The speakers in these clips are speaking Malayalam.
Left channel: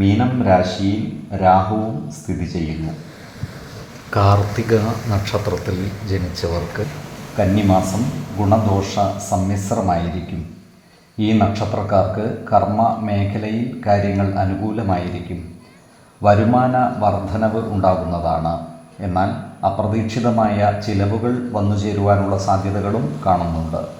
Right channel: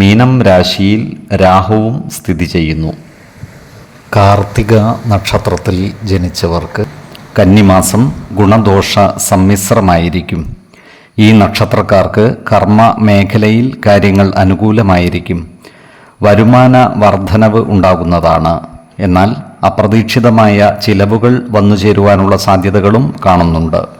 മീനം രാശിയിൽ രാഹുവും സ്ഥിതി ചെയ്യുന്നു. കാർത്തിക നക്ഷത്രത്തിൽ ജനിച്ചവർക്ക് കന്നിമാസം ഗുണദോഷ സമ്മിശ്രമായിരിക്കും. ഈ നക്ഷത്രക്കാർക്ക് കർമ്മ മേഖലയിൽ കാര്യങ്ങൾ അനുകൂലമായിരിക്കും. വരുമാന വർധനവ് ഉണ്ടാകുന്നതാണ്. എന്നാൽ അപ്രതീക്ഷിതമായ ചിലവുകൾ വന്നു ചേരുവാനുള്ള സാധ്യതകളും കാണുന്നുണ്ട്.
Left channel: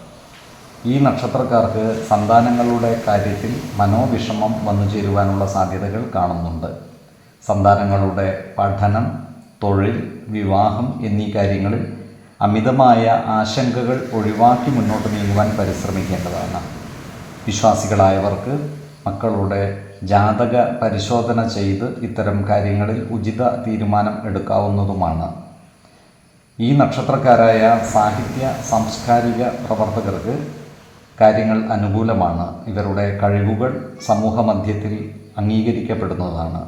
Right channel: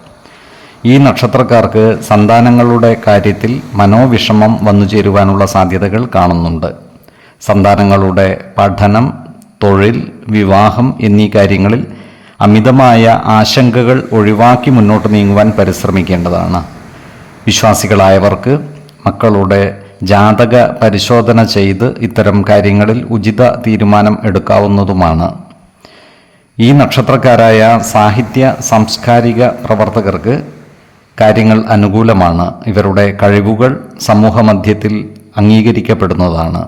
ഈ നക്ഷത്രക്കാർക്ക് സന്താനങ്ങളുടെ കാര്യത്തിൽ മനോവിഷമം വന്നു ചേരുവാനുള്ള സാധ്യതകൾ കാണുന്നുണ്ട്. സന്താനങ്ങളുടെ പഠനം തൊഴിൽ വിവാഹം എന്നീ കാര്യങ്ങളിൽ അമിതമായ ആശങ്കകൾ ഒഴിവാക്കി മുന്നോട്ട് നീങ്ങുവാൻ പരിശ്രമിക്കേണ്ടതാണ്. വിശ്വാസികളായവർക്ക് മക്കളുടെ ജാതക പരിശോധന ചെയ്ത് ഇത്തരം കാര്യങ്ങളിൽ ഉചിത തീരുമാനം എടുക്കാവുന്നതുമാണ്. ഈ നക്ഷത്രക്കാരായ സാഹിത്യ സാംസ്കാരിക പ്രവർത്തകർക്ക് കാര്യങ്ങൾ അനുകൂലമാണ്. ഇവരുടെ കഴിവുകൾ സമൂഹമധ്യത്തിൽ അംഗീകരിക്കപ്പെടുന്നതാണ്.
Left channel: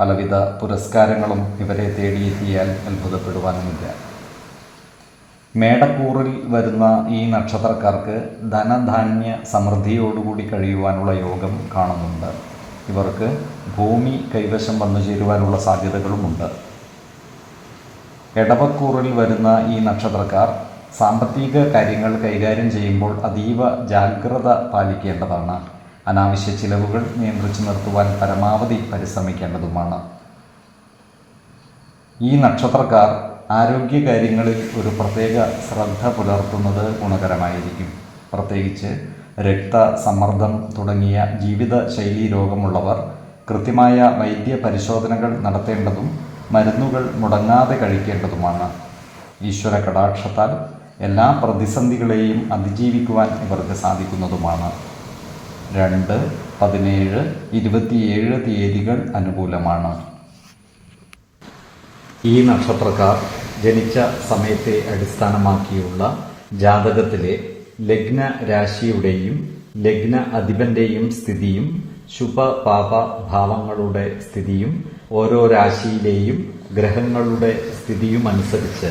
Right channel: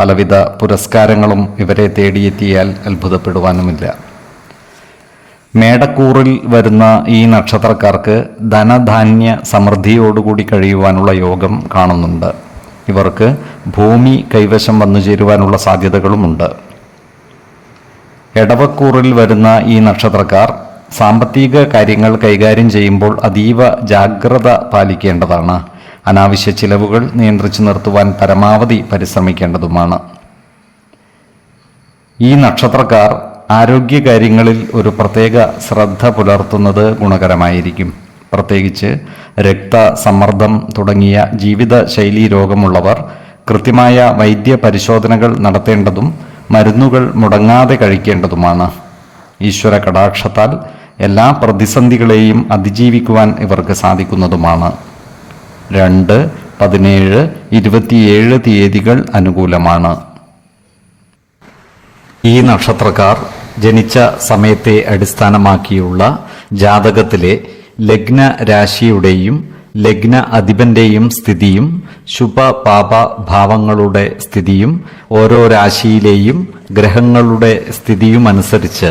പലവിധ പുരസ്കാരങ്ങളും ഇവരെ തേടിയെത്തിയാൽ അത്ഭുതപ്പെടുവാനുമില്ല. മേടക്കൂറിൽ വരുന്ന ഈ നക്ഷത്രക്കാർക്ക് ധനധാന്യ സമൃദ്ധിയോടുകൂടി കഴിയുവാനുള്ള യോഗം കാണുന്നുണ്ട്. ഇവർക്ക് ഭൂമി കൈവശം വന്നു ചേരുവാനുള്ള സാധ്യതകളുമുണ്ട്. എടവക്കൂറിൽ വരുന്ന ഈ നക്ഷത്രക്കാർ സാമ്പത്തിക കാര്യങ്ങൾ കൈകാര്യം ചെയ്യുമ്പോൾ അതീവ ജാഗ്രത പാലിക്കേണ്ടതാണ്. അനാവശ്യ ചിലവുകൾ നിയന്ത്രിച്ചു നിർത്തുവാൻ പരമാവധി പരിശ്രമിക്കേണ്ടതുമാണ്. ഈ നക്ഷത്രക്കാർ ആരോഗ്യകാര്യങ്ങളിൽ ഒരു പ്രത്യേക ശ്രദ്ധ പുലർത്തുന്നത് ഗുണകരമായിരിക്കും. പ്രത്യേകിച്ച് രക്തസമ്മർദ്ദം തുടങ്ങിയ ജീവിതശൈലീ രോഗമുള്ളവർ കൃത്യമായ വൈദ്യ പരിശോധനകൾ നടത്തേണ്ടതും മരുന്നുകൾ മുടങ്ങാതെ കഴിക്കേണ്ടതുമാണ്. ഈശ്വര കടാക്ഷത്താൽ എല്ലാ പ്രതിസന്ധികളെയും അതിജീവിക്കുവാൻ ഇവർക്ക് സാധിക്കുന്നതുമാണ്. രണ്ട് പതിനേഴ് ഇരുപത്തിയേഴ് തീയതികൾ അനുകൂലമാണ്. ഈ നക്ഷത്രക്കാർ ജനിച്ച സമയത്തെ അടിസ്ഥാനമാക്കിയുള്ള ജാതകത്തിലെ ലഗ്ന രാശിയുടെയും ലഗ്ന അധിപന്റെയും സ്ഥിതിയും ശുഭ പാപ ഭാവങ്ങളുടെ സ്ഥിതിയും ഓരോ രാശിയിലെയും ഗ്രഹങ്ങളുടെ സ്ഥിതിയും അനുസരിച്ച്